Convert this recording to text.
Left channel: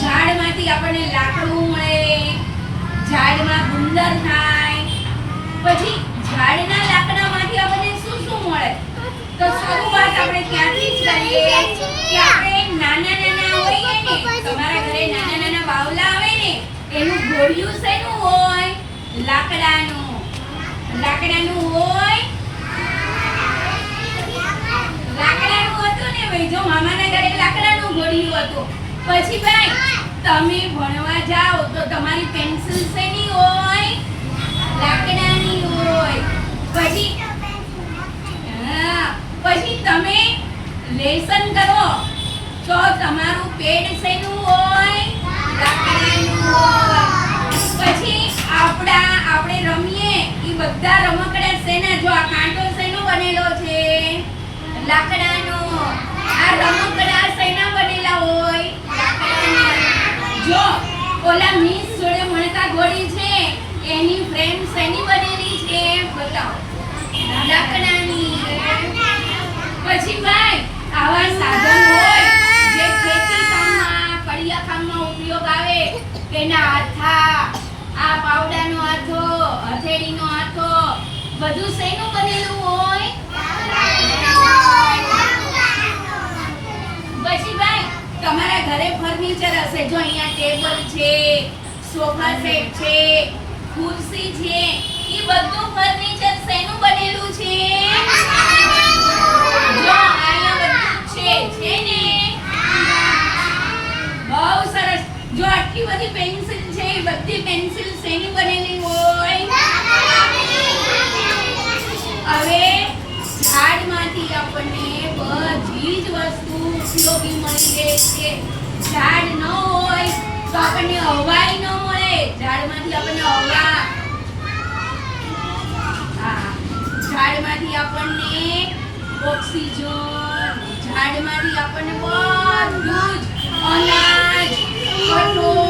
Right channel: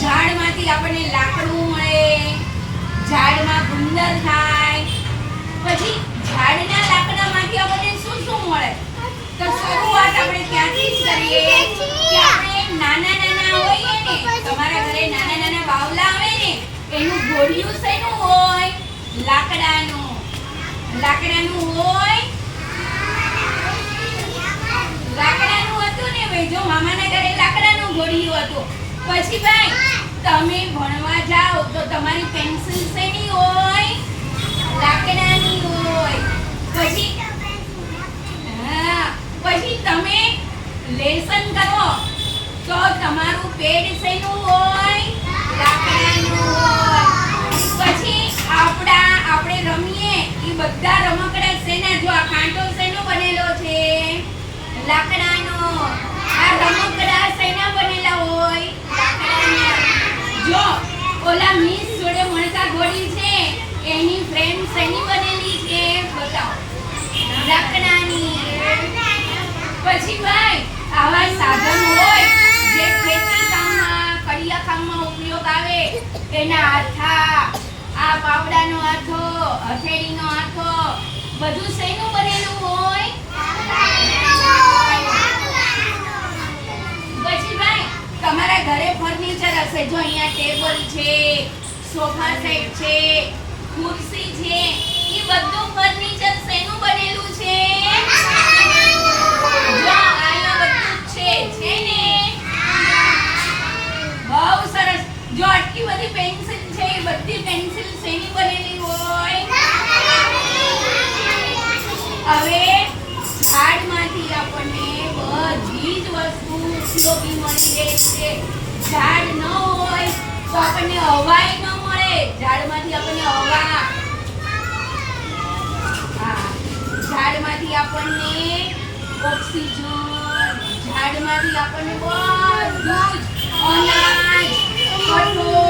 ઝાડમાંથી આપણને લાકડું મળે, ઝાડમાં ગુંદર થાય. પછી ઝાડના લાકડામાંથી આપણને શું શું મળે? તો શરૂઆત આપણે ત્યાંથી જ કરીએ કે આપણે નાના નાના હોઈએ ને, તમારા ઘરે નાના નાના બાવલા આવે ને, એનું ગોળિયું શેનું હોય? લાકડાનું. લાકડાનું હોય. લાકડાનું હતું ને ભાઈ, જો મામાના ઘરે લાકડાનું ગોળિયું હતું. પછી ભાઈ તમે ભણવા જાઓ તો તમારી પેન્સિલ શેની હોય? લાકડાની હોય. પછી પછી તમે લેસન કરો તો તમારું પેડ શેનું હોય? લાકડાનું હોય. પછી આપણે રમીએ એ બધા રમકડા શેના? જો આ કાંટો શેનો બનેલો છે? લાકડાનો. આ રમકડા શેના બનેલા હોય? લાકડાના. જો ઓલા મિસ જોડે મળતા ઘોડી છે એની ફ્રેમ શેની બનેલી છે? બતાવો. લાકડાની. પછી ભાઈ આવા સાધન હોય જે ખેતી કામમાં, કડિયા કામમાં ઉપયોગ આવે, એના હાથા, આ પાવડાનો હાથો, હથેળીનો હાથો, બધું શેનું બનેલું હોય? પછી ભાઈ તમારા ઘરે ફર્નિચર હશે, જો અહીંયા ટેબલ છે, સોફા સેટ છે, ખુરશી છે, એ બધું ફર્નિચર શેનું બનેલું છે? જો અહીંયા બધું છે ને? બહુ સરસ. જો આટલી બધી પેન્સિલ છે, એ બધી પેન્સિલ શેની બનેલી હોય? હવે ઝાડમાંથી આપણને બધી જ વસ્તુ ઉપયોગી મળી રહે છે. ઝાડ ન હોય તો આપણને હવાય ન મળે. ઝાડમાંથી આપણને હવા, ઝાડમાંથી આપણને ઓક્સિજન, ઝાડમાંથી આપણને બધું જ અનાજ, કઠોળ